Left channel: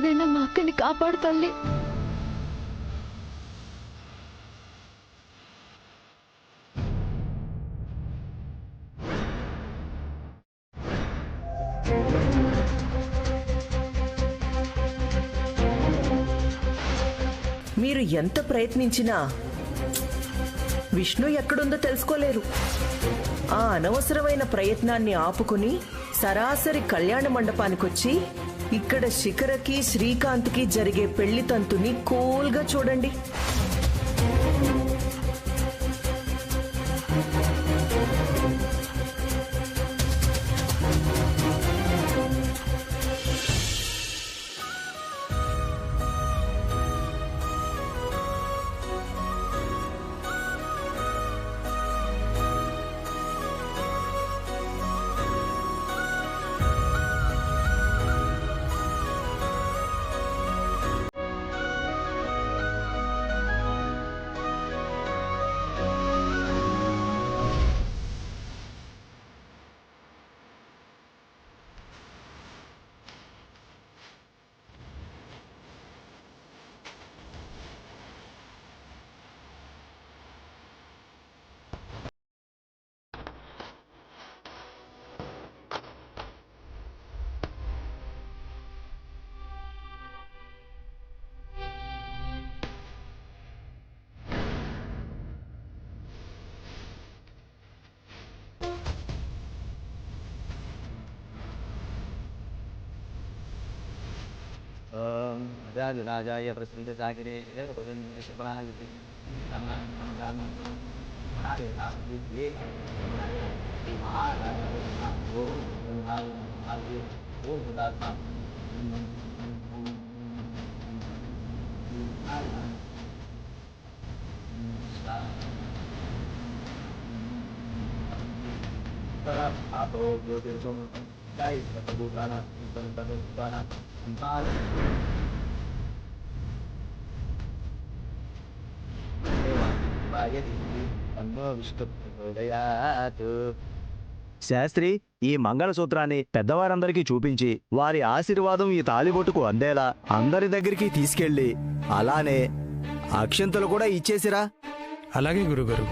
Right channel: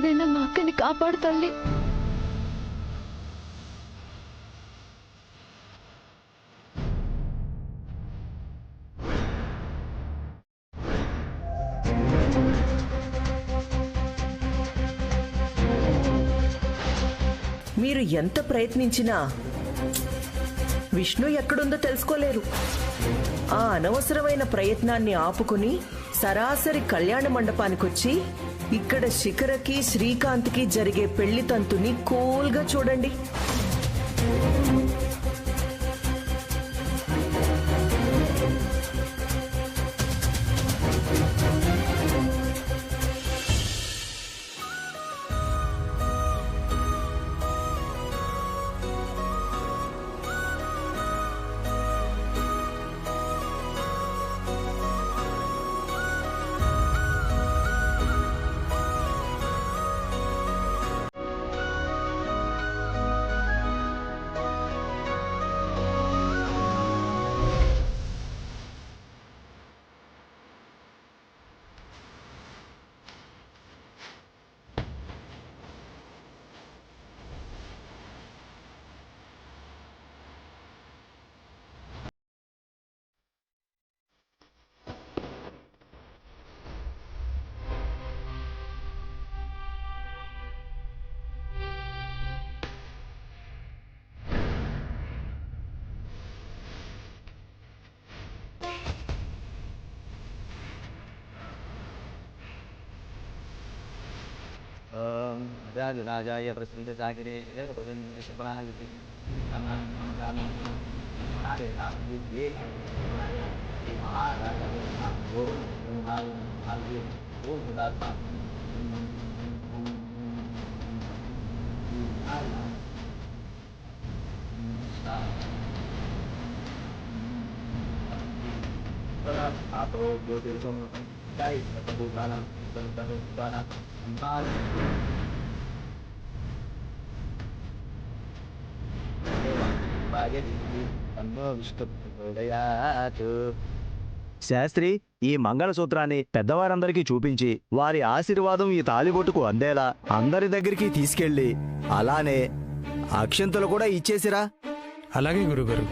ఎలాగైనా మా అక్కని కాపాడు తల్లి. మీరు ఎంత ప్రయత్నించినా విష్ణు ఎక్కడుందో తెలుసుకోలేరు. ఆ అనవసరమైన ప్రయత్నాన్ని ఆపుకుని సరాసరి కళ్యాణ మండపానికొచ్చి ఇక్కడ శిఖరకి శ్రీకాంత్కి జరిగే పెళ్లి తంతుని కూల్గా చూడండి. राजाय प्रसिद्ध सागरे प्रसिद्ध atau berdiri sama kai atau tanah tanah empat Sastry ఈ మంగళసూత్రాన్ని పెద్దవారందరికీ చూపించి వారి ఆశీర్వాదం ఈ తాలిబొట్టుకు అందేలా అందరి దగ్గరికి తీసుకెళ్ళి అలానే అక్షంతలు కూడా ఇచ్చేసిరా. అలాగే గురుగారు.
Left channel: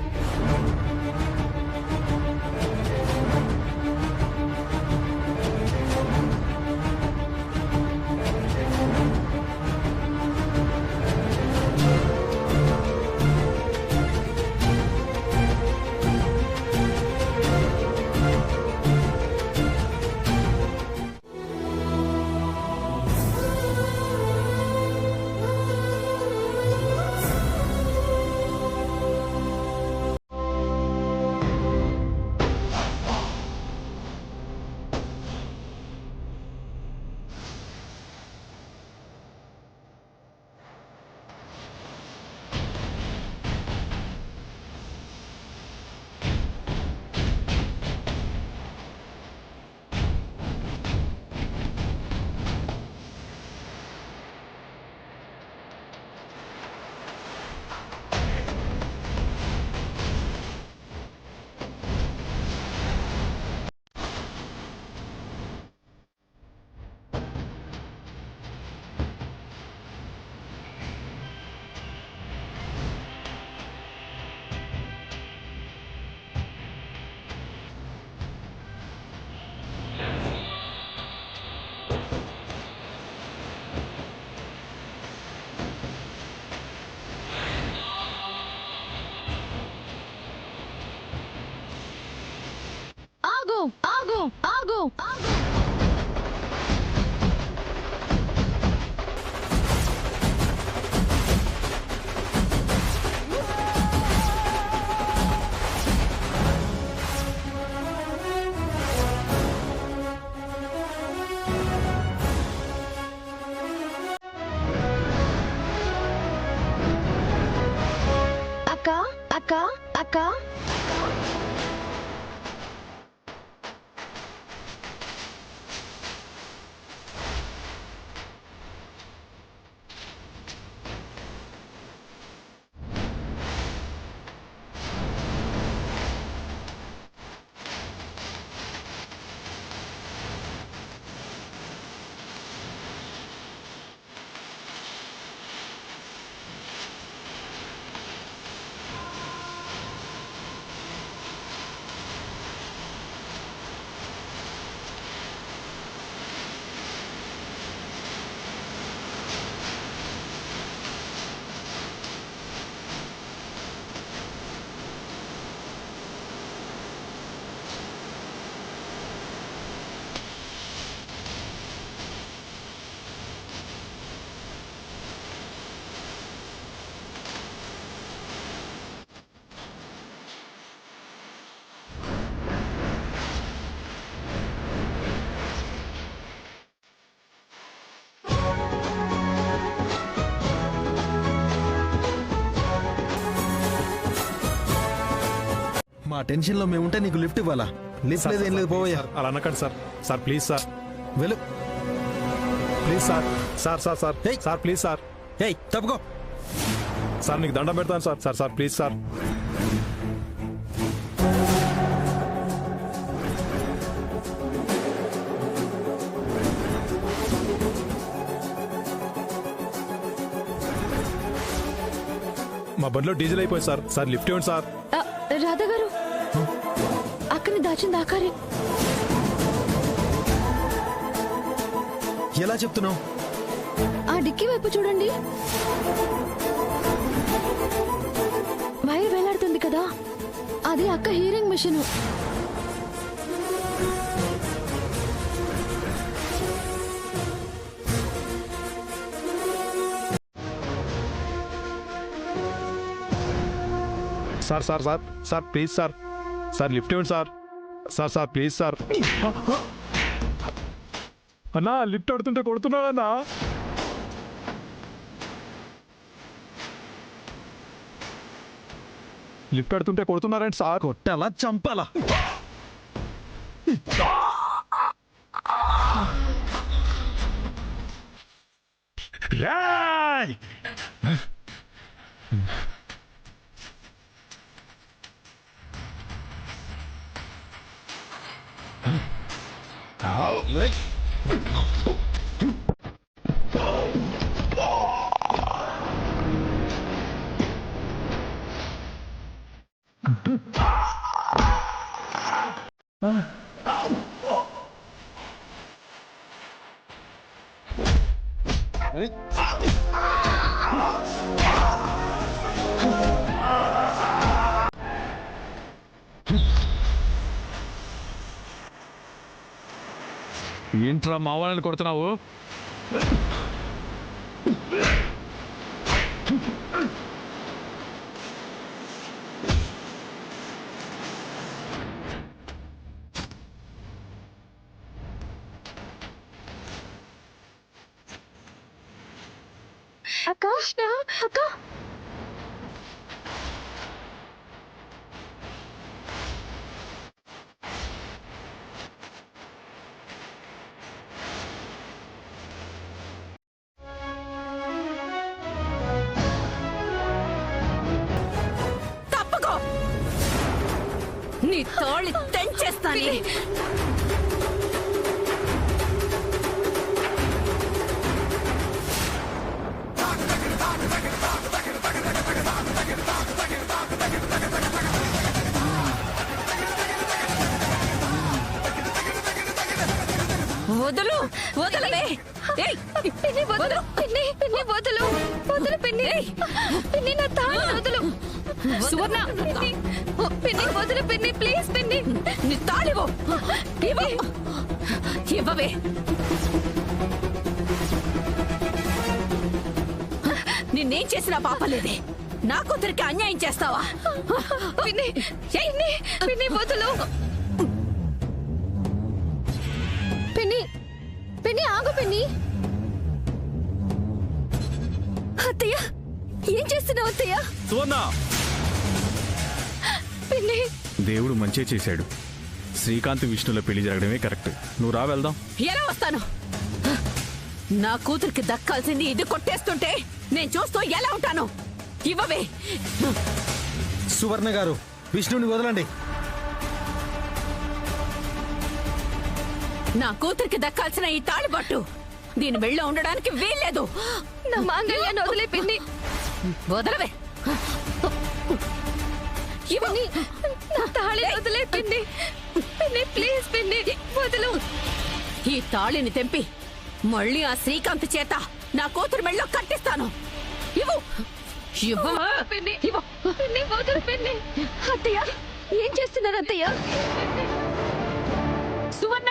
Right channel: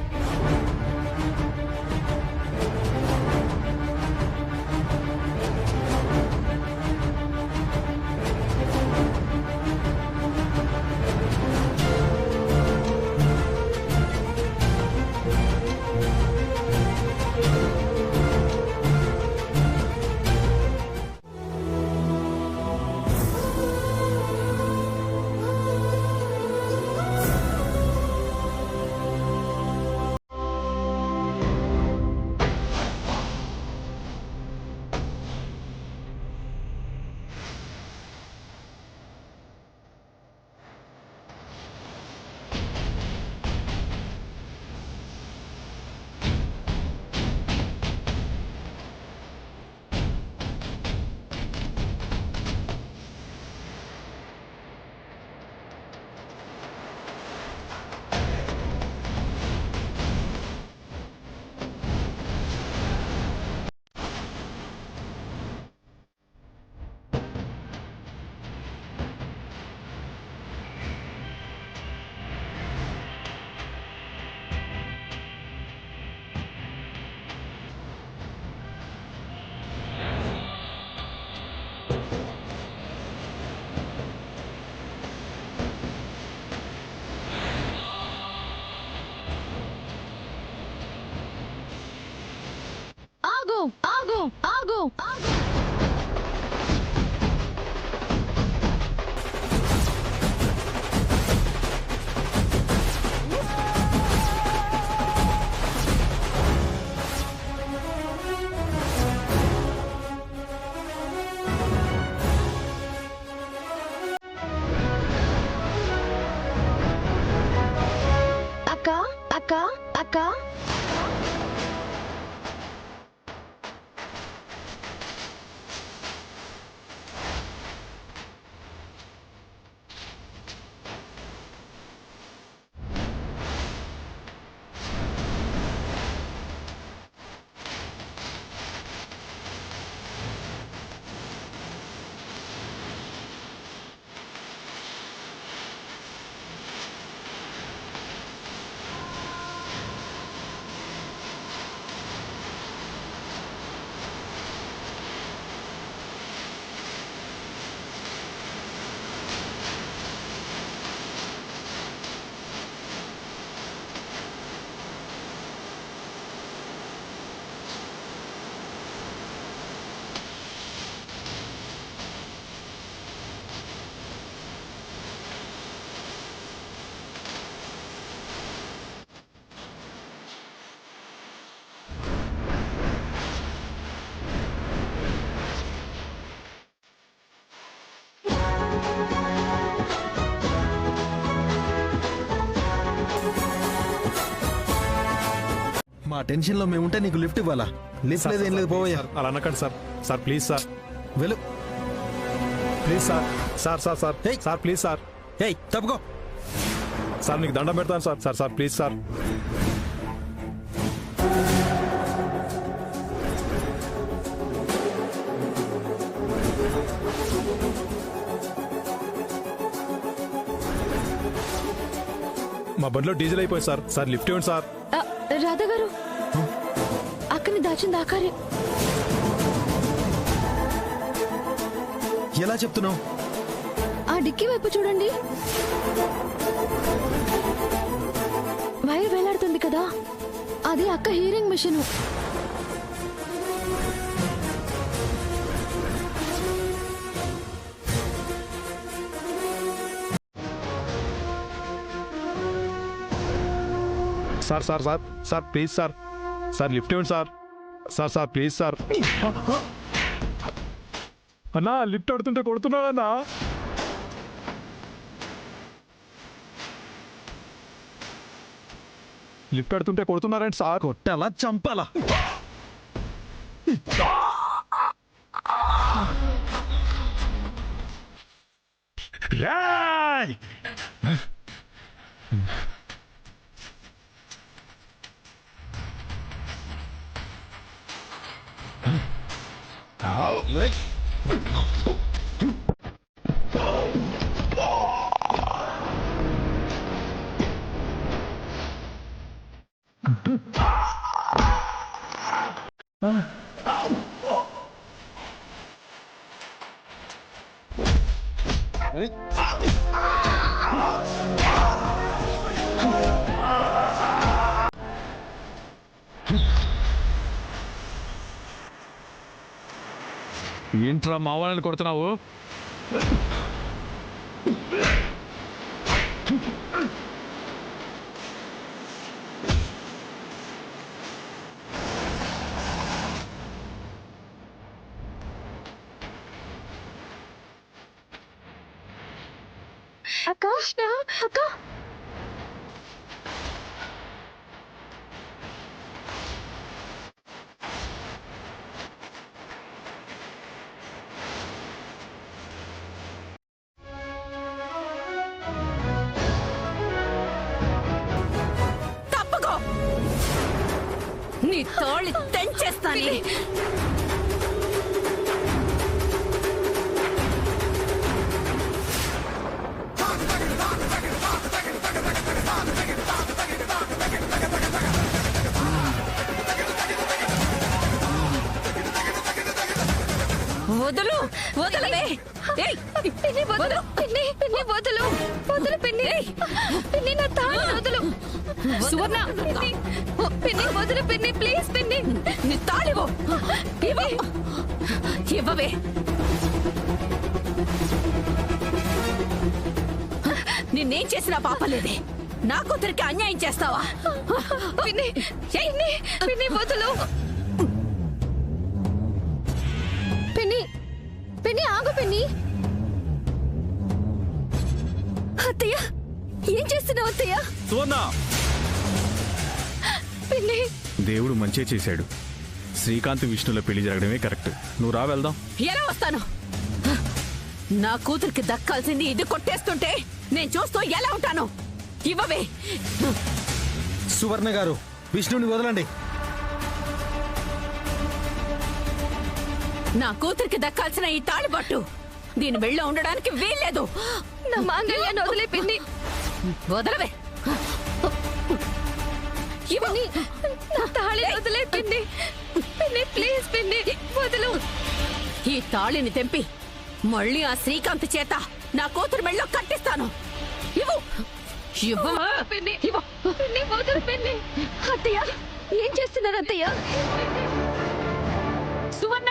ఆగు ఆగు ఆగు. అక్క అక్క అక్క మా టెన్షన్ లో మేముంటే నీకు లిఫ్ట్ ఇవ్వాలా? లిఫ్ట్ లేదు, ఏం లేదు, పోవయ్యా. సార్, అలా అనకండి సార్. సార్ ప్లీజ్ సార్, వెళ్ళు. Please sir. Sir sir sir ఏయ్. Sir please sir. ఏయ్ తప్పుకో. సార్ నీకు దండం పెడతాను sir. Sir sir please sir. మా బండిలో డీజిల్ అయిపోయింది సార్. సార్ లిఫ్ట్ ఇవ్వండి సార్. రాధా గారు అక్కని దాచింది ఆకారే. ఎలా చెప్తున్నావు? ఆ డిక్కీ వైపు చూడండి, వైర్ వేలాడుతుంది కదా, అది అక్క hearing machine. Sir sir sir sir please sir. Sir lift ఇవ్వండి sir. Sir sir please sir. అన్నా లిఫ్ట్ అడుతుంటే కొడుతున్నాడు అన్నా. లిఫ్ట్ అడుతుంటే కొడుతున్నారండి సార్. కొట్టాలా చంపాలా? రేయ్! ఏంట్రా మావాళ్ళని కొడుతున్నావు? అక్క అక్క తప్పుకో, నీ తోళి తెంచేస్తాను. వదులు, వదలవే. పిన్ని వదలు, పిన్ని పిన్ని వదలు, వదలు పిన్ని, పిన్ని నా తాళి వదలు. సువర్ణ, పిన్ని వదలు పిన్ని, ప్లీజ్ పిన్ని. నీ తాళివో ఇవ్వవే. నిన్నేం చేసినా పాపలేదే, నా కూతురికి అన్యాయం చేస్తావా? పిన్ని పిన్ని పిన్ని వదలు. పిన్ని పిన్ని ఆగు పిన్ని. అత్తయ్య ఏం చేస్తున్నావు అత్తయ్య? సువర్ణ, పిన్ని దేవుడు మంచే చేశాడు. శ్రీకాంత్ విష్ణుల పెళ్లి జరగడమే కరెక్ట్. నువ్వు రా, వెళ్దాం. ఎలా వస్తాను? నా కూతురికి దక్కాల్సింది ఇది కొట్టేస్తుంటే నేను చూస్తూ ఎలా ఉంటాను? ఇవ్వవే. సువర్ణ గారు, విష్ణుని వదలండి. నా కూతురికి దక్కాల్సిన ఈ తాళిబొట్టు దీని మెళ్ళో ఉండడానికి వీల్లేదు. నా మాంగళ్యాన్ని వదిలే పిన్ని. వదలవే. పిన్ని నా తాళి వదిలే పిన్ని. పిన్ని ప్లీజ్ పిన్ని వదలు. ఈ తాళిని తెంపి మళ్ళీ ఆ శ్రీకాంత్ చేత నా కూతురు మెళ్ళో కట్టిస్తాను. ఇవ్వు. ఇవ్వు. పిన్ని పిన్ని వదలు పిన్ని. అత్తయ్య ఏం చేస్తున్నారు అత్తయ్య? సువర్ణ,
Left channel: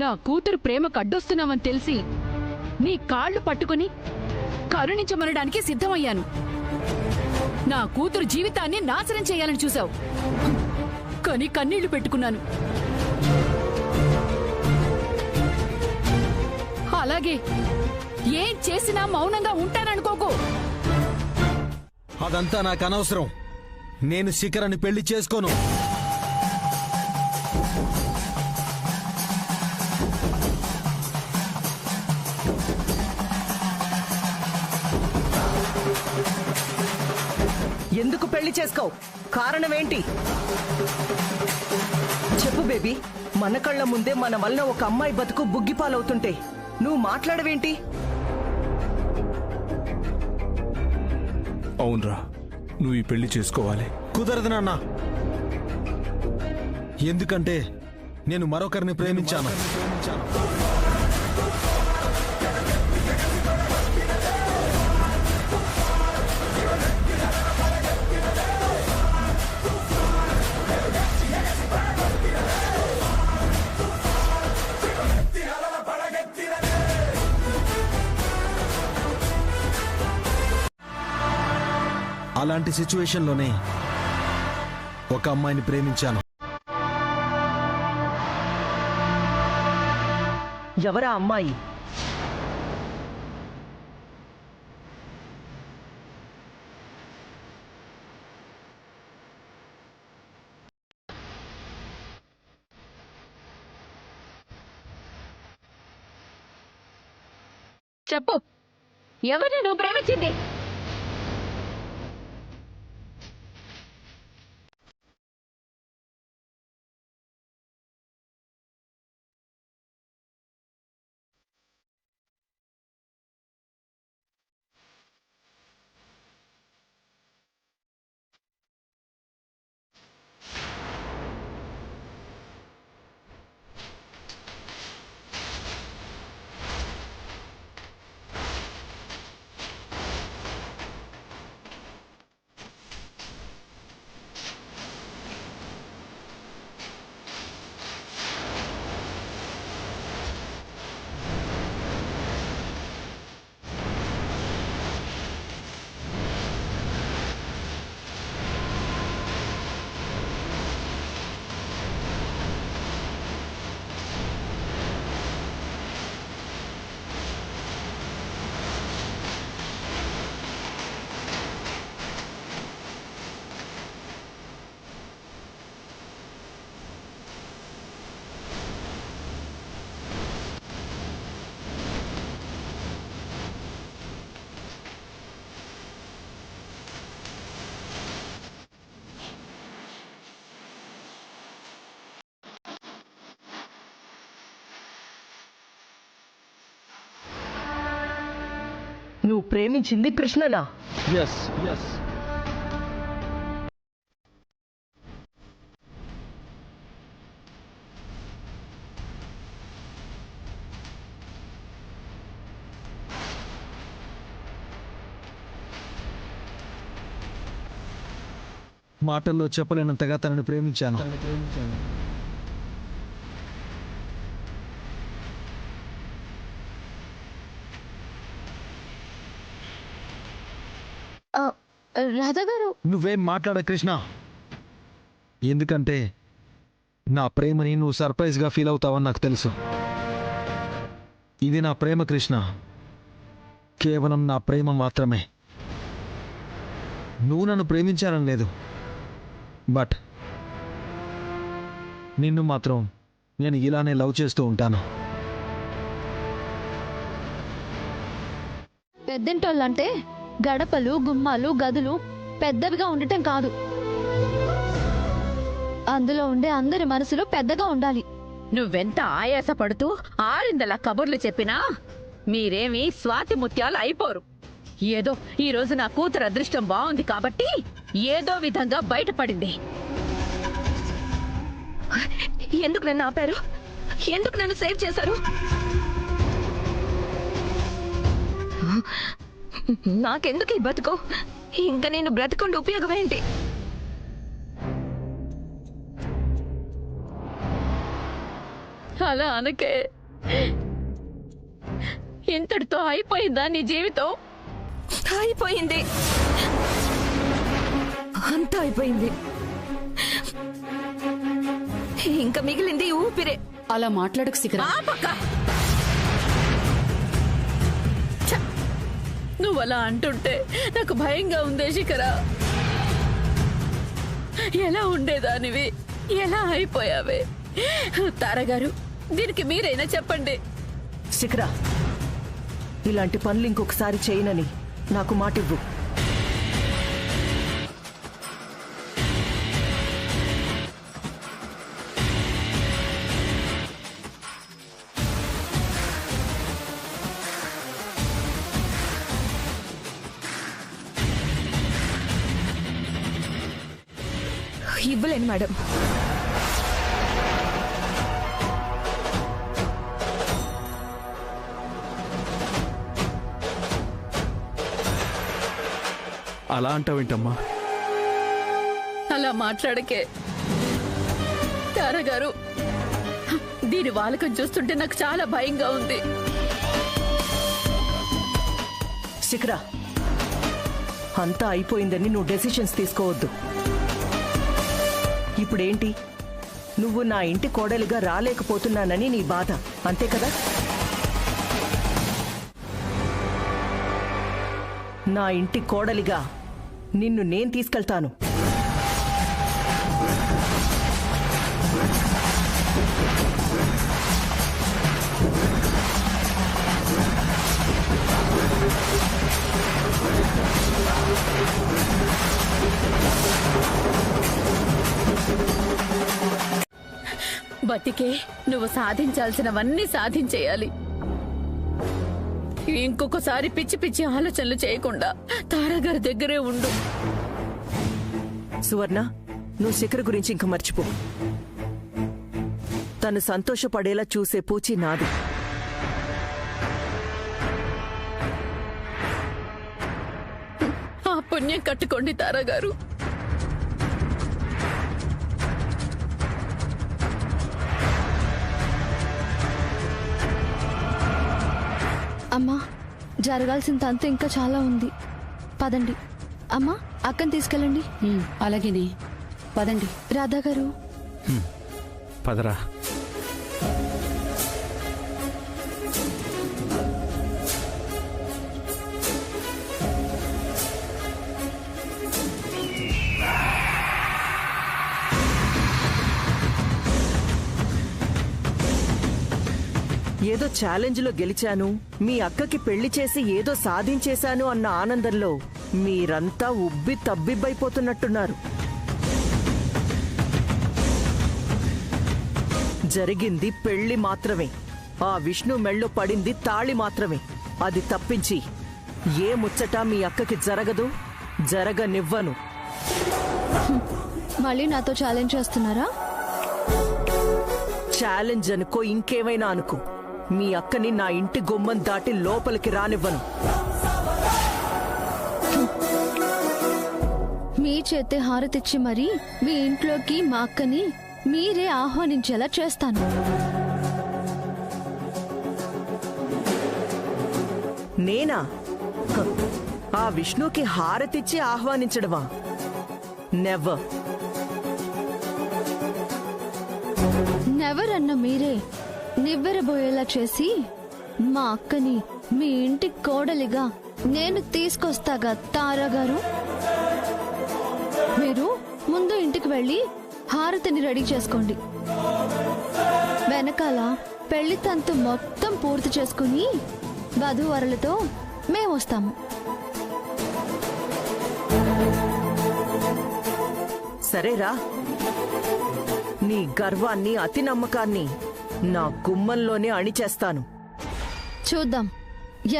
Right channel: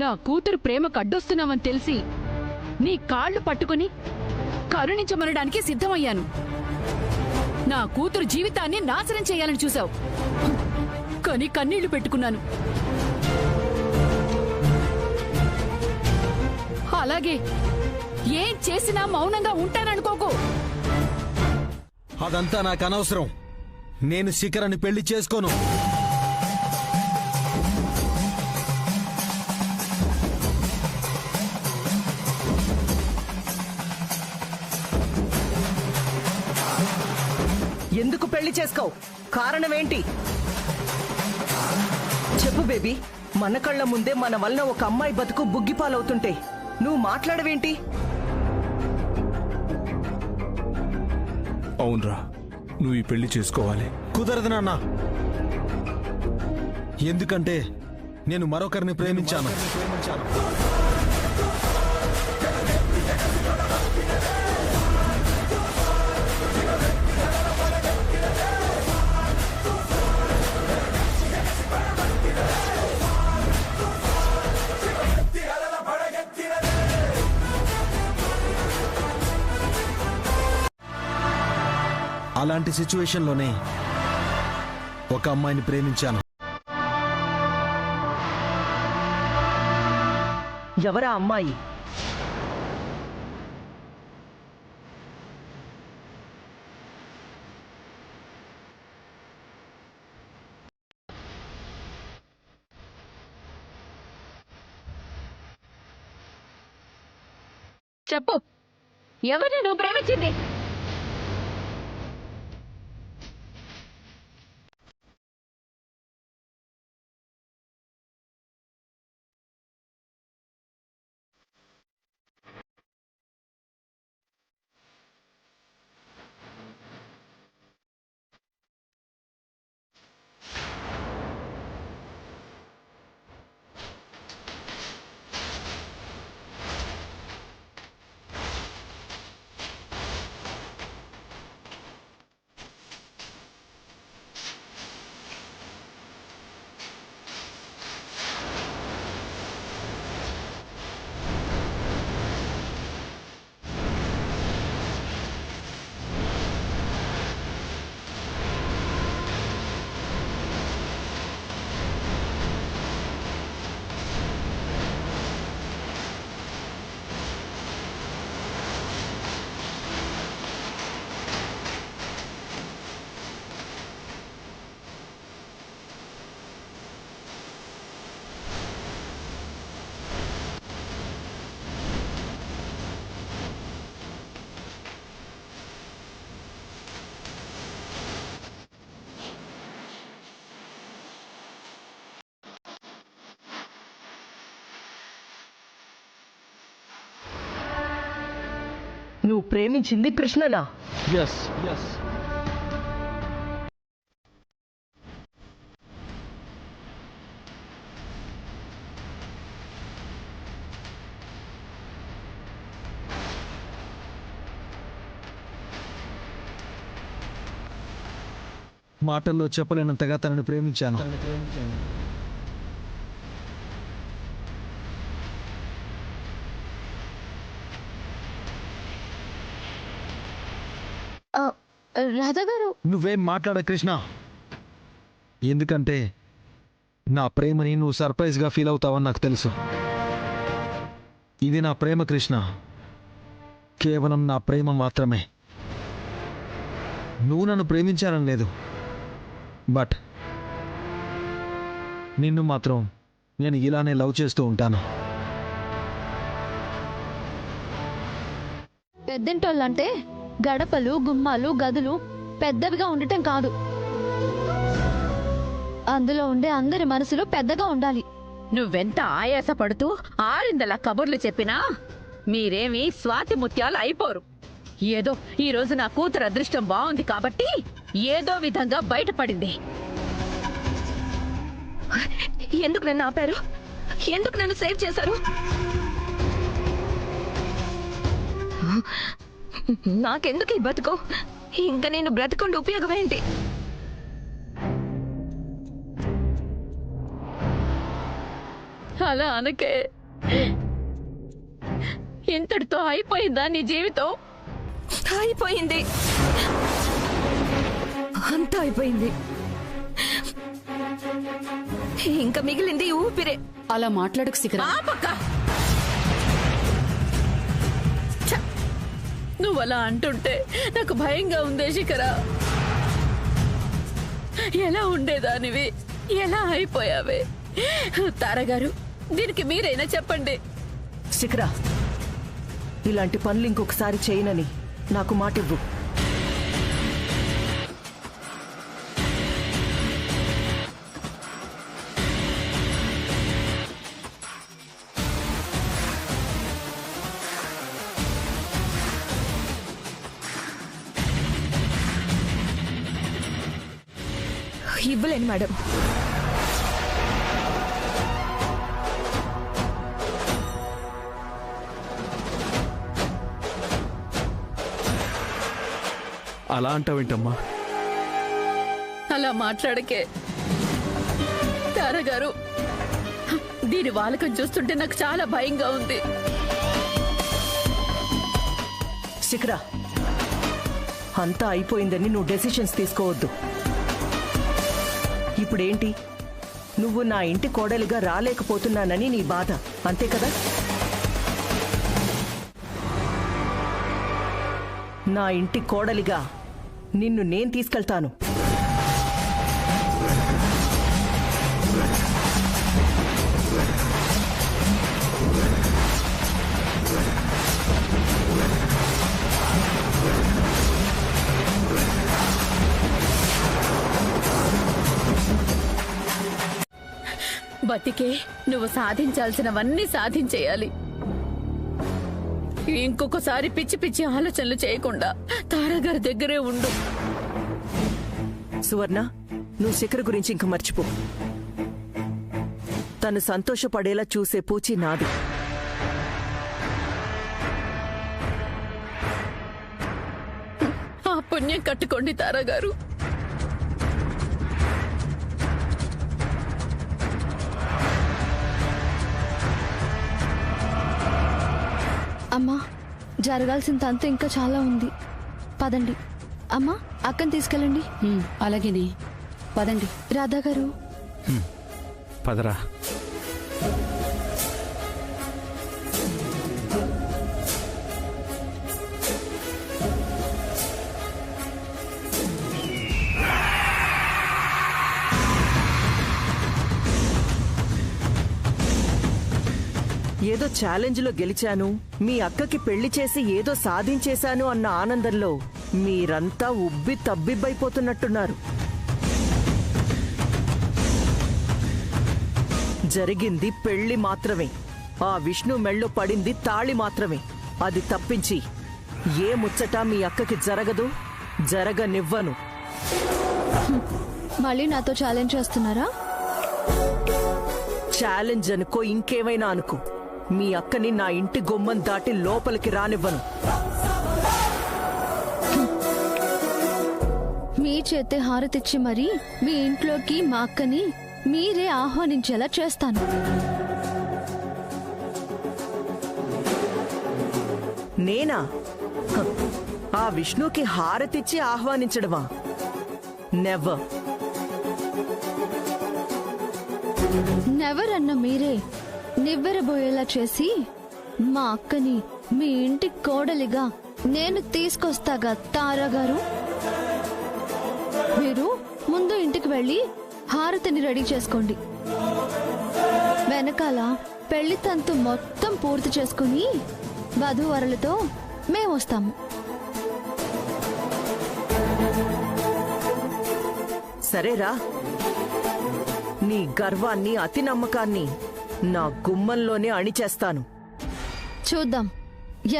నా కూతురు ప్రేమకు అడ్డొస్తున్నావని తెలిసి నీ కాళ్ళు పట్టుకుని కరుణించమనడానికి సిద్ధమయ్యాను. నా కూతురు జీవితాన్ని నాశనం చేయాలని చూశావు, కానీ కన్నీళ్లు పెట్టుకున్నాను. అలాగే ఏం చేసినా మౌనంగా ఉంటాననుకోకు. అదంతా నాకు అనవసరం. నేను శిఖరాన్ని పెళ్లి చేసుకోను. ఎందుకు పెళ్లి చేసుకోవు? కారణం ఏంటి చెప్పు బేబీ. మన కళ్ళ ముందే మన వలన ఒక అమ్మాయి బతుకు బుగ్గిపాలవుతుంటే నువ్వు మాట్లాడవేంటి? అవునరా, నువ్వు ఈ పెళ్లి చేసుకోవాలి. కుదరదు నాన్న. ఎందుకంటే నేను మరొకరిని ప్రేమించాను. అలాంటి సిచ్యువేషన్లోనే ఒక అమ్మాయిని ప్రేమించాను. ఎవరా అమ్మాయి? చెప్పు, ఎవరిని నువ్వు ప్రేమించింది? నువ్వు ప్రేమించింది కృష్ణనా? ఎస్. మాటల్లో చెప్పలేనంతగా తనని ప్రేమించాను. రాధా గారు, నువ్వేం మాట్లాడ కృష్ణ. ఎందుకంటే నా ప్రేమని నువ్వు సర్ప్రైజ్గా ఫీల్ అవుతావని నాకు తెలుసు. ఇది నా ప్రేమ కృష్ణ, కేవలం నా ప్రేమ మాత్రమే. నువ్వు నన్ను ప్రేమించాలని లేదు, బట్ నిన్ను మాత్రం నేను ఇలానే లవ్ చేస్తూ ఉంటాను. పెద్దింటోళ్ళంటే గడపలు, గుమ్మాలు, గదులు పెద్దవిగా ఉండటం కాదు, అందులో ఉండే అందరి మనసులు పెద్దగా ఉండాలి. నువ్వెంత ఆయాసపడుతూ ఆరిందలా కబుర్లు చెప్పినా మీరేమీ స్వాతి ముత్యాలు అయిపోరు. ఏదో ఈ రోజు నా కూతురు అదృష్టం బాగుంది కాబట్టి ఏదో విధంగా బయటపడింది. ఎందుకు నన్ను ఆపారు? ఎందుకు నన్ను సేవ్ చేశారు? నాకెందుకు ఈ బతుకు? ఇంకా నేను బ్రతకుండా ఉపయోగం ఏంటి? అలా అనకే. ఇంతటితో అయిపోయిందా నీ జీవితం? అయిపోయింది, అంతా అయిపోయింది. ఇంకా మిగిలింది ఊపిరే. అలా మాట్లాడకు శిఖర. నువ్వు అలా అంటుంటే నాకు భయంగా ఉందే శిఖర. ఎలా ఉండేదానివి, ఎలా అయిపోయావే? తారగారు, దీనికి మీరైనా చెప్పండి. శిఖరా, ఇలాంటి పనులు ఇంకొకసారి చేయనని నాకు మాటివ్వు. ఇవ్వలేను మేడం. అలా అంటావేంటమ్మా? అలా మాట్లాడకే తారగారు. దీని వాలకం చూస్తుంటే నాకు చాలా భయంగా ఉంది. శిఖరా, అంతా అయిపోయిందని నువ్వు డెసిషన్స్ తీసుకోవద్దు. ఇప్పుడేంటి, నువ్వు నా ఇంటి కోడలిగా రాలేకపోతున్నానని నీ బాధ, అంతే కదా? నా ఇంటి కోడలిగా నిన్ను నేను తీసుకెళ్తాను. బతికే నువ్వు సాధించాల్సినవన్నీ సాధించేయాలి. ఇంకొకసారి పిచ్చి పిచ్చి ఆలోచనలు చేయకుండా తారాగారి దగ్గరే ఉండు. సువర్ణ, నువ్వు శిఖర్ గురించి ఇంక మర్చిపో. తను సంతోషపడేలా చూసే పూచి నాది. ఆ పుణ్యం కట్టుకోండి తారాగారు. అమ్మా, జరగాల్సిన తంతు ఇంకా చాలా ఉంది. పదండి. అమ్మా, అక్కని తీసుకెళ్ళండి. అలాగేనే, పదండి. రాధా గారు, పదరా. ఏదో ఛాలెంజ్ లో గెలిచాను, మీ అక్కకి పెళ్లి చేసి ఏదో సాధించేశాను అన్న ఆనందంలో మీరంతా ఉబ్బి తబ్బిబ్బైపోతున్నట్టున్నారు. జరిగింది పెళ్లి మాత్రమే. ఆ విష్ణు మెళ్ళో పడింది తాళి మాత్రమే. అది తప్పించి ఏ ముచ్చట మీ అక్కకి జరగదు, జరగనివ్వను. మళ్ళీ నాతో ఛాలెంజ్ చేస్తున్నారా? ఛాలెంజ్ అనుకో, ఇంకేమైనా అనుకో, మీ అక్కని నా ఇంటి గుమ్మం దాటి లోపలికి రానివ్వను. మీ చేతే హారతిచ్చి మరి మీ ఇంట్లోకి మా అక్కని మీరే ఆహ్వానించేలా చేస్తాను. నేనా? హ, ఆ విష్ణుకి హారతిచ్చి ఆహ్వానించడమా? నెవర్. నెవర్ అన్న మీరే నివ్వెరబోయేలా చేసి మా అక్కని మీ ఇంటి కోడలిగా నేను తీసుకొస్తాగా తారా గారు. మీరు ముందు ఇంటికి వెళ్ళి హారతిని రెడీ చేసుకోండి. వెనకాల పెళ్లి తంతు మొత్తం పూర్తి చేసుకుని వధూవరులతో మేమొస్తాము. సరేరా, నీ గర్వాన్ని, అతి నమ్మకాన్ని నా గుమ్మంలోనే అణిచేస్తాను. చూద్దాం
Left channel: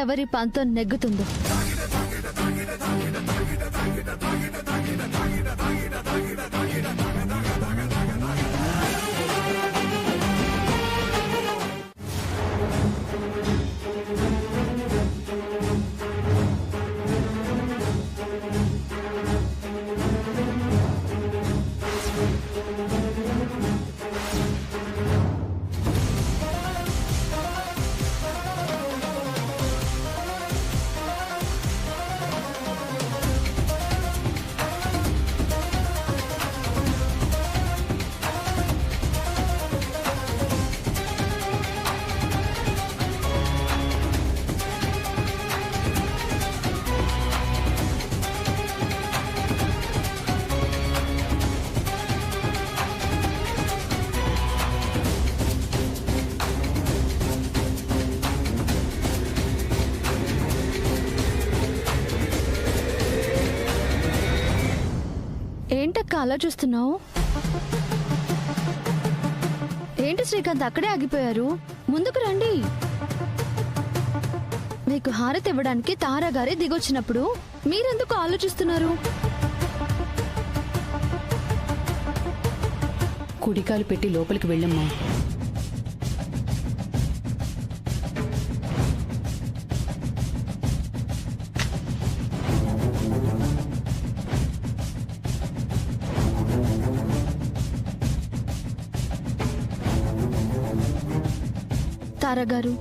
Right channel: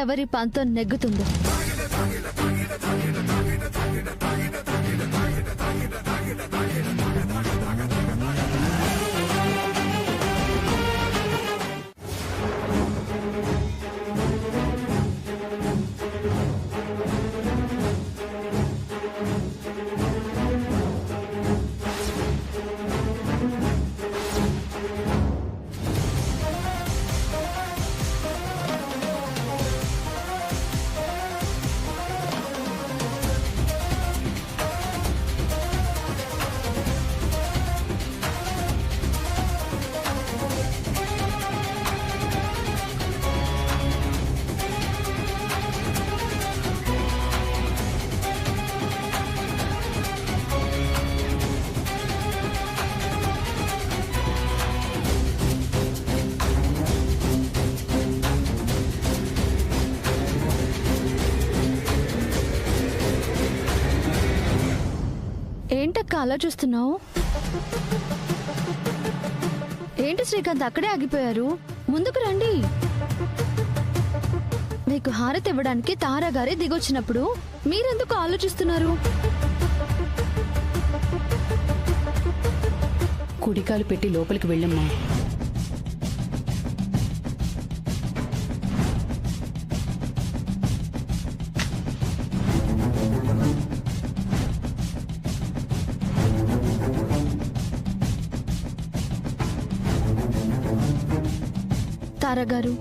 ఎవరి పంతం నెగ్గుతుందో. ఏంటక్క అలా చూస్తున్నావు? ఏంటి శ్రీకాంత్ అక్కడే ఆగిపోయారు? ముందుకు రండి. మీకు హారతి ఇవ్వడానికి తారా గారే దిగొచ్చినప్పుడు మీరెందుకు ఆలోచిస్తున్నారు? కుడికాలు పెట్టి లోపలికి వెళ్ళమ్మా. తారా గారు,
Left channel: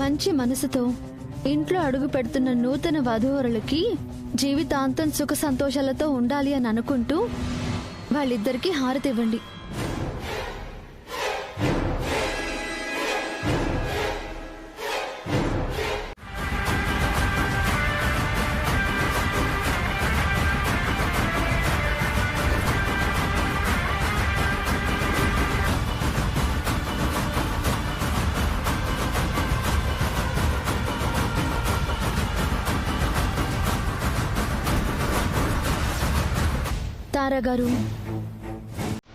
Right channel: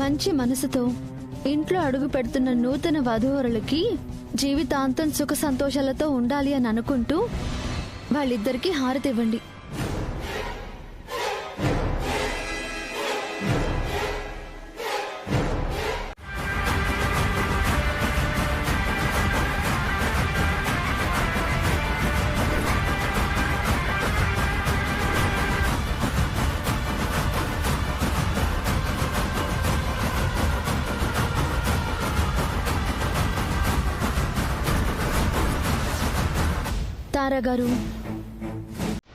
మంచి మనసుతో ఇంట్లో అడుగు పెడుతున్న నూతన వధూవరులకి జీవితాంతం సుఖ సంతోషాలతో ఉండాలి అని అనుకుంటూ వాళ్ళిద్దరికీ హారతి ఇవ్వండి. తారా గారు,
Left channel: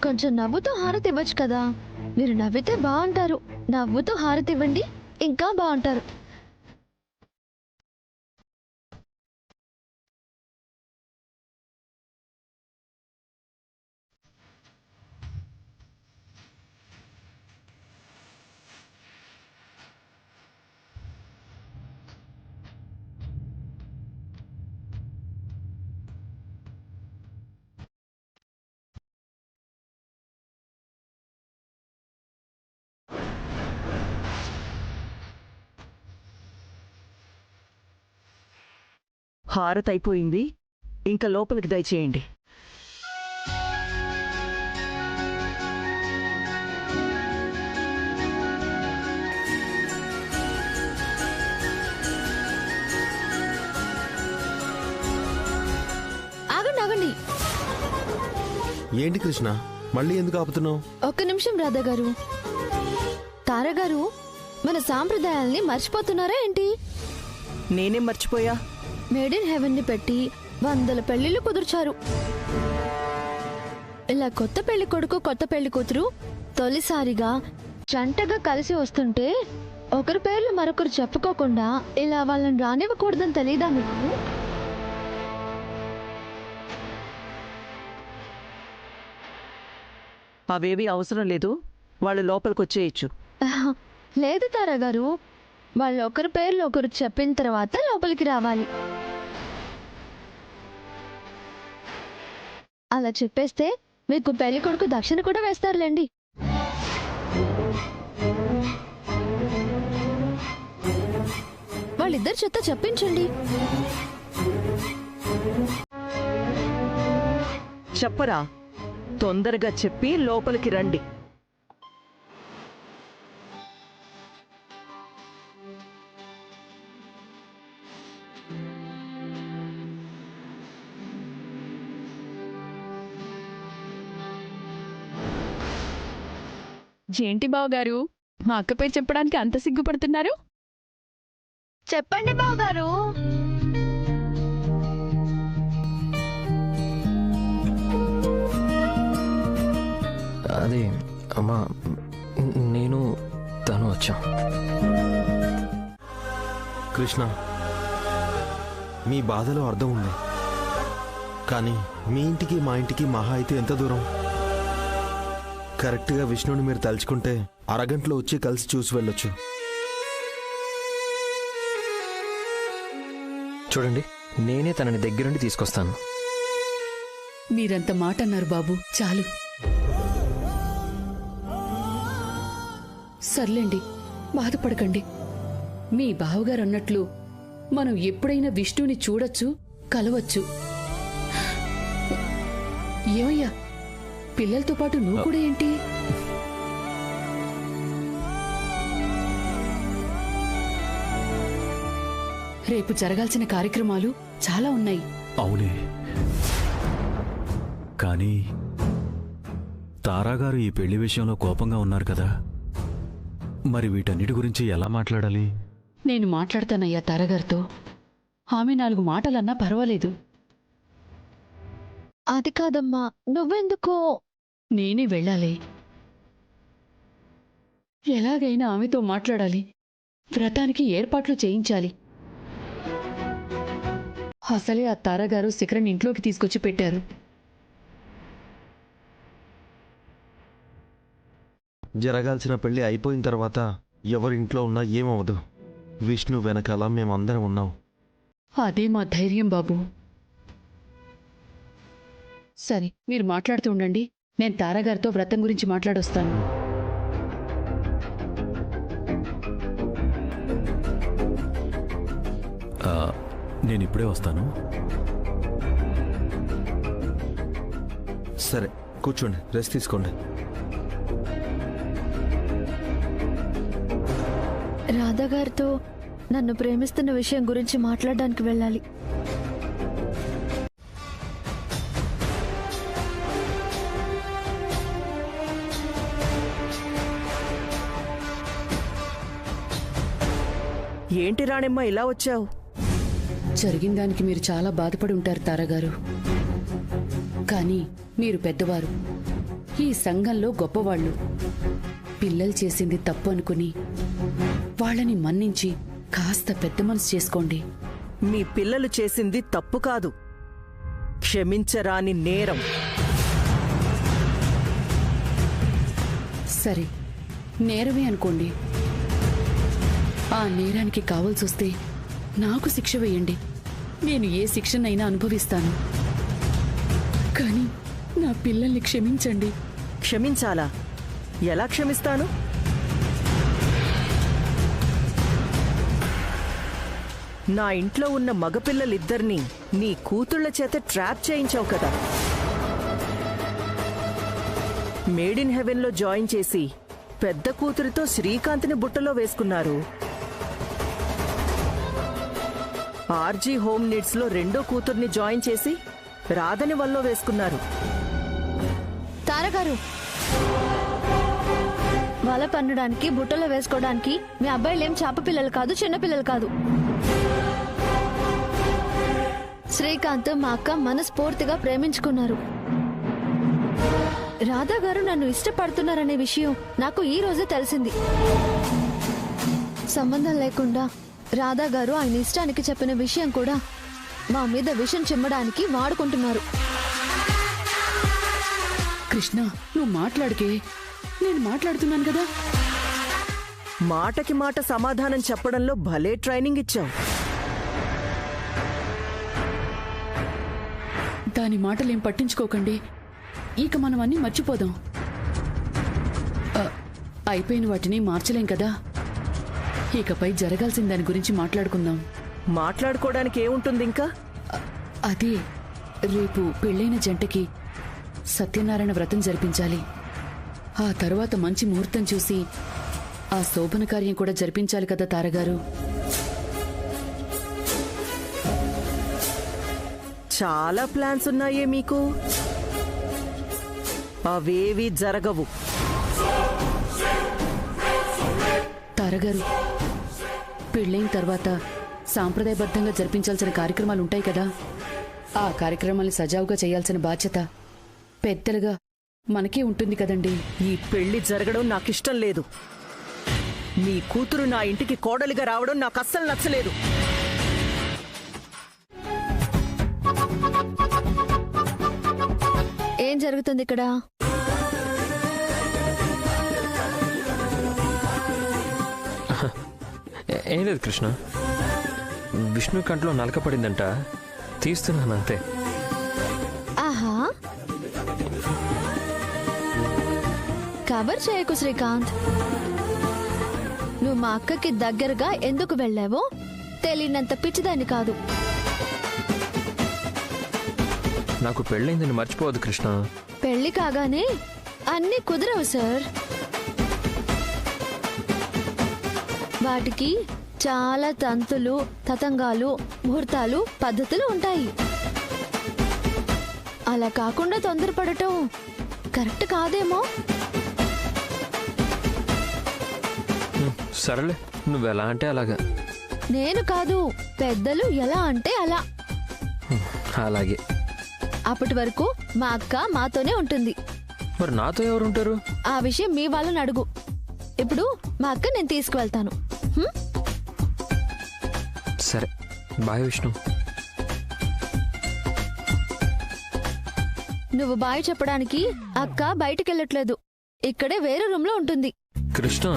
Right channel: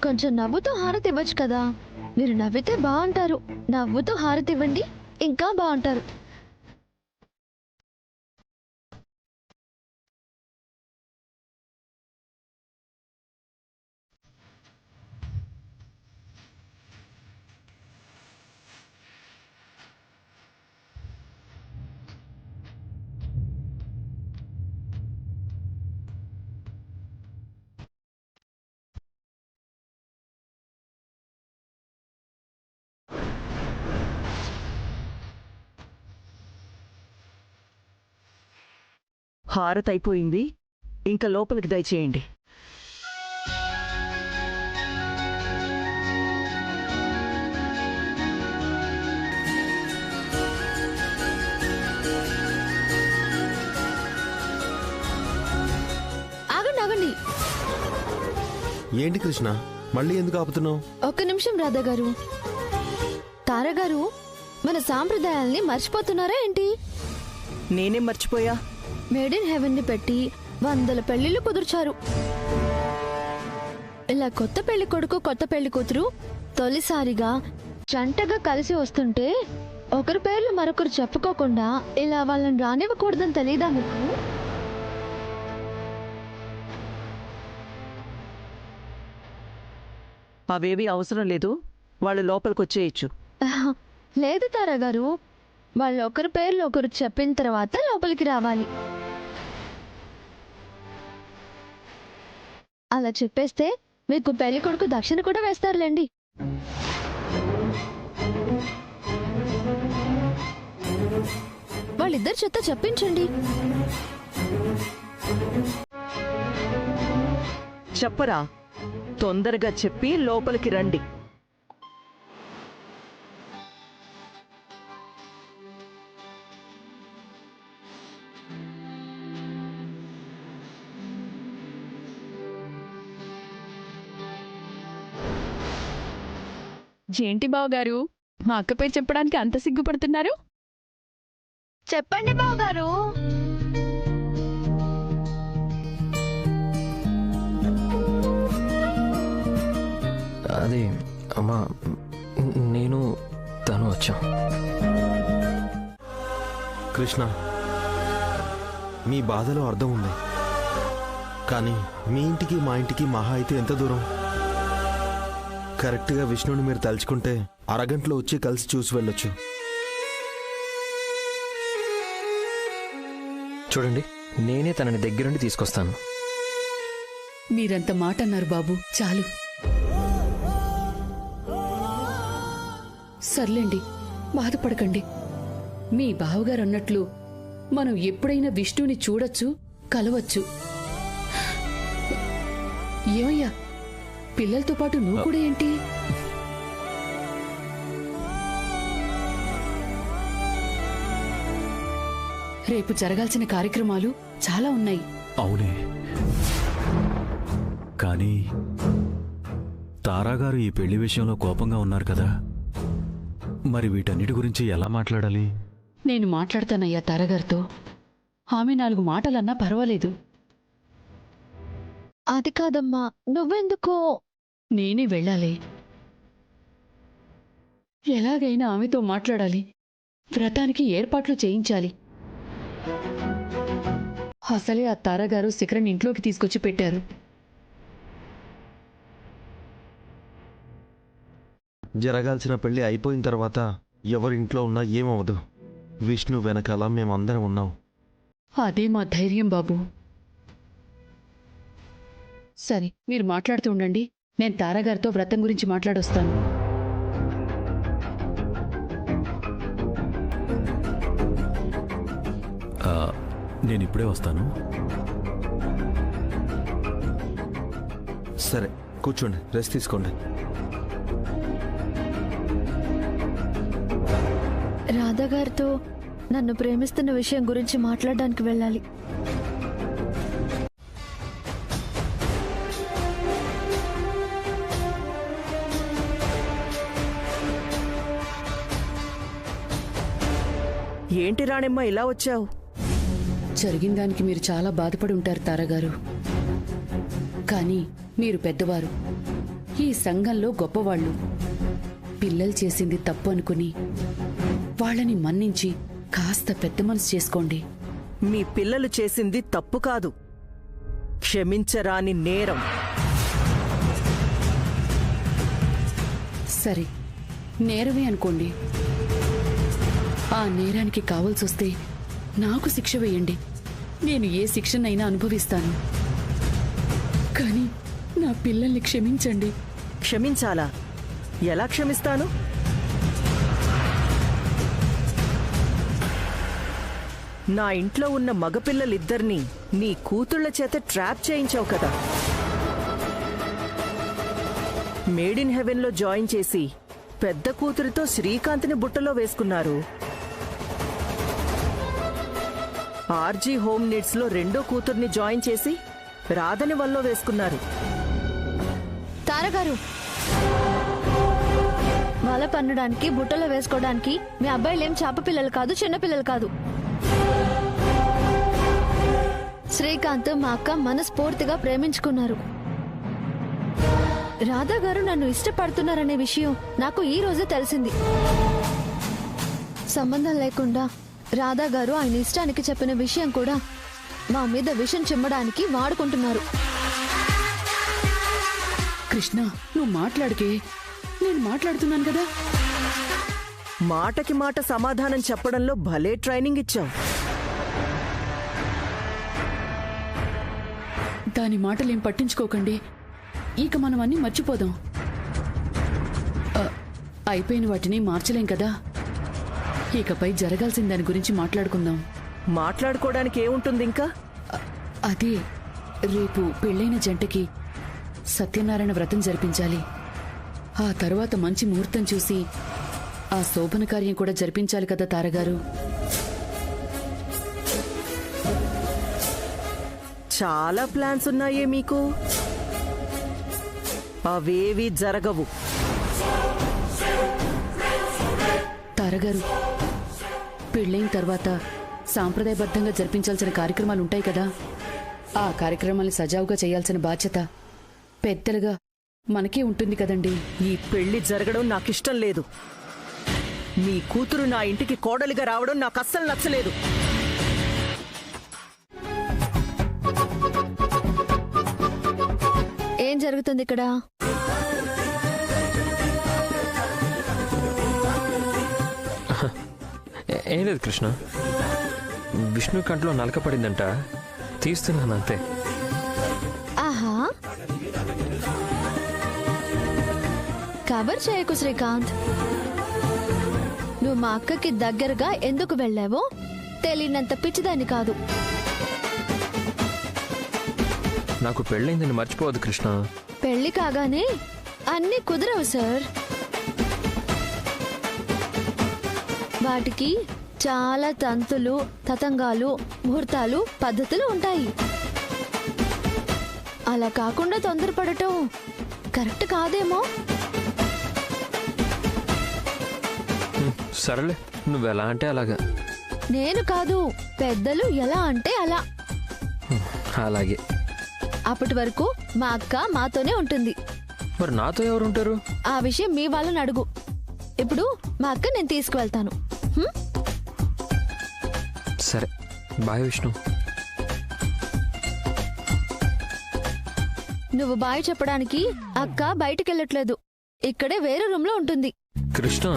కొంచెం నవ్వుతూ హారతి ఇవ్వచ్చు కదా. మీరు నవ్వితే బాగుంటారు. నవ్వుతూ హారతి ఇవ్వండి, ఇంకా బాగుంటారు. హారతి అయిపోయింది, ఇంకా లోపలికి దయచేయండి. ఆగండి ఆగండి, ఏంటి కృష్ణ, మళ్ళీ ఎందుకు ఆపుతున్నావు? ఒక్క నిమిషం రాధా గారు. తారా గారు, మన సాంప్రదాయాల్ని మర్చిపోతున్నారా ఏంటి? నేనేం మర్చిపోయా? మేడ్ ఇన్ హెవెన్ ని పెట్టి 100 పెళ్లిళ్ళు కుదుర్చారు. ఇలా కొత్త పెళ్లి కొడుకు కొత్త పెళ్లి కూతురు తొలిసారిగా జంటగా కలిసి వస్తుంటే ఒకరి పేర్లు మరొకరు చెప్పుకోకుండా ఇలా వాళ్ళని రానివ్వకూడదని తెలీదా మీకు? అవేవి అవసరం లేదు, వాళ్ళు లోపలికి వచ్చేయచ్చు. లేదు తారా గారు, వాళ్ళు ఒకరి పేర్లు ఒకరు చెప్పిన తర్వాత లోపలికి రావాలి. అలా చెప్పేస్తే మీకు పెళ్లి కొడుకు దక్షిణ కూడా వేస్తారులేండి. వాళ్ళిద్దరి చేత చెప్పించండి. చెప్పరా, తొందరగా చెప్పి లోపలికి రండి. ఏంటి బావగారు, మా అక్క పేరు చెప్పడానికి అంత సిగ్గుపడుతున్నారు? చెప్పండి బావగారు. అదే అమ్మా, నేను తను వచ్చాం. కృష్ణ, మీ బాధలో అర్థం ఉంది, కానీ మీ ఇంటికి మా ఇంటికి మహా అయితే ఎంత దూరం? కరెక్ట్గా విష్ణుని మీరు తలుచుకుంటే అరగంటలో వచ్చి కలిసి చూసి వెళ్ళొచ్చు. చూడండి, నేనే తనని దగ్గరుండి తీసుకొస్తాను. మీరంత మాట అన్నారు బాబు, చాలు. సర్లేండి, బాధపడకండి. మీ బావగారు అన్నట్లు మనం ఎప్పుడైనా విష్ణుని చూడొచ్చు, కలవచ్చు. ఏమయ్యా, పిల్లలతో పాటు నువ్వు కూడా ఏంటి? రేపు జరగాల్సిన కార్యక్రమాలు చాలా ఉన్నాయి. అవునే, కానీ తారాగారు ఈ పెళ్లి విషయంలో కోపంగా ఉన్నారు కదా, మరి వీటన్నిటి గురించి ఎలా మాట్లాడాలి? నేను మాట్లాడతానయ్యా తారగారితో. ఆమె 4 మాటలన్నా పర్వాలేదు. అది కాదమ్మా, నువ్వెందుకో. నేనే వెళ్ళాలి. ఎలాగైనా ఆమెతో మాట్లాడాలి. వ్రతానికి ఏర్పాట్లు చేయించాలి. అసలే ఆ తారగారు శిఖరన్ ఇంట్లోకి తీసుకొచ్చి పెట్టారు. జరగాల్సిన పెళ్లి అయిపోయిన తర్వాత ఎవరింట్లో ఉన్నా ఏమవదు. విష్ణు వెనకాల మేమందరం ఉన్నాం. అదే మా ధైర్యం బాబు. సరే, మీరు మాట్లాడుతూ ఉండండి. నేను తారాగారితో వ్రతం గురించి మాట్లాడొస్తాను. నేను ఇప్పుడే వస్తాను. సరే, కూర్చోండి, రెస్ట్ తీసుకోండి. రాధా గారితో నన్ను ప్రేమిస్తున్న విషయం గురించి మాట్లాడడానికి వెళ్ళాలి. ఏంటి రాణెమ్మ ఇలా వచ్చావు? జరిగిన దానికి మీరు చాలా బాధపడి ఉంటారు తారగారు. కానీ మీరు పెద్దవారు, ఈ సంఘంలో గొప్పవాళ్ళు. పిల్లలు చేసింది తప్పు అనుకుని వాళ్ళని మన్నించి కాస్త పెద్ద మనసు చేసుకోండి. మీ పిల్లలు చేసింది తప్పు కాదు, క్షమించరాని నేరం. సరే, నేరమే అనుకోండి. ఆ నేరానికి కావాల్సొస్తే నాకు శిక్ష వేయండి. నేను ఏ శిక్షనైనా అనుభవిస్తాను. కానీ నా పిల్లల్ని క్షమించండి. క్షమించాలా? ఎలా క్షమిస్తాను? నా ఇంట్లో ఉన్న మగపిల్లలిద్దరినీ నీ కూతుళ్ల చేత ట్రాప్ చేయించావు కదా. మేడ్ ఇన్ హెవెన్లో జాయిన్ చేసి పెద్ద కూతురితో శ్రీకాంత్ని బుట్టలో వేసుకున్నారు. ఆర్జీ హోమ్ నీడ్స్ లో రెండో కూతుర్ని జాయిన్ చేసి రాధని వల్లో వేసుకున్నారు. తారగారు, వల పన్నడానికి బుట్టలో వేసుకోవడానికి మీ అబ్బాయిలేం చేప పిల్లలు కాదు, చిన్నపిల్లలు కాదు. శ్రీకాంత్ మా అక్క మనస్ఫూర్తిగా ప్రేమించుకున్నారు. రాధా గారు నన్ను ఇష్టపడుతున్నారనే విషయం నాకు ఈ రోజే తెలిసింది. సంబంధం లేకుండా రాధా గారు ఆయన ఇష్టానికి చెప్పిన విషయం కూడా మా మీద విషం చిమ్మడానికి వాడుకుంటున్నారు. కృష్ణ, నువ్వు మాట్లాడికే, నేను మాట్లాడుతున్నాను కదా. మాటకి మాట సమాధానం చెప్పడంలో భలే ట్రైనింగ్ ఇచ్చావు. దాని మాటలేం పట్టించుకోకండి. ఇక మనం అన్నీ మర్చిపోదాం. అయిపోయిన వాటిని మార్చలేం కదా. ఇకపై జరగాల్సిన దాని గురించి మాట్లాడుకుందాం. మాట్లాడుకోవడానికి ఏముంటుంది ఇంకా? అదే, రేపు పెళ్ళైన జంటకి సత్యనారాయణ వ్రతం జరిపించాలి. ఆ తర్వాత మంచి ముహూర్తం చూసి ఆ శోభన కార్యం కూడా జరిపించాలి కదా తారగారు. చాలా ప్లాన్స్ ఉన్నాయే మీకు. అవేవి జరగవు. తారగారు, పెళ్ళైన తర్వాత సాంప్రదాయబద్ధంగా జరిపించాల్సిన కార్యక్రమాలుంటాయి కదా. ఆ కార్యక్రమాల్ని సజావుగా చేయాల్సిన బాధ్యత పెద్దలుగా మనకే ఉంటుంది కదండి. ఈ పెళ్లి జరగడం నాకిష్టం లేదు. మీ కూతురు నా ఇంటికి కోడలిగా రావడం నాకు అస్సలు నచ్చలేదు. ఏం జరుగుతుంది ఇక్కడ? ఏం లేదు కృష్ణ, విష్ణు కంట్లో నలక పడిందంట, తీస్తున్నాను అంతే. ఆహా, కవర్ చేయకు శ్రీకాంత్. నువ్వు మా అక్కకి దగ్గరగా ఎందుకు వెళ్ళావో తెలియనంత పిచ్చిదాన్ని కాదు. నాకు పెళ్ళైందని మర్చిపోవద్దు కృష్ణ. పెళ్లి కాగానే అన్నీ కుదరవు సార్. వాటికి చాలా తంతులు, తతంగాలు, ముహూర్తాలు, పద్ధతులు ఉంటాయి. అలా కాకుండా తొందరపడటం కరెక్ట్ కాదేమో. సరేలే, నువ్వెలా అంటే అలాగా. నేను కాదు, పెద్దలు ఎలా అంటే అలా. అలాగే. అప్పటి వరకు మా అక్క మాతోనే ఉంటుంది. మరి నాతో ఎవరు ఉంటారు? ఆ విషయం మీ వాళ్ళని అడుగు. ఇప్పుడు మా అక్క నేను తీసుకువెళ్తాను. హ్మ్? సరే, బాయ్ విష్ణు. నువ్వు బాయ్ చెప్పడానికి అక్క బయటికెళ్ళట్లేదు, ఇక్కడే వేరే రూమ్ లో ఉంటుంది. కృష్ణ,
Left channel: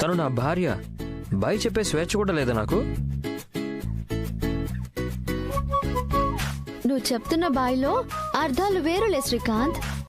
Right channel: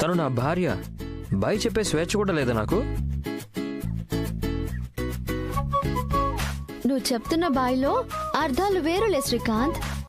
తను నా భార్య. బాయ్ చెప్పే స్వేచ్ఛ కూడా లేదా నాకు? నువ్వు చెప్తున్న బాయ్లో అర్థాలు వేరులే శ్రీకాంత్.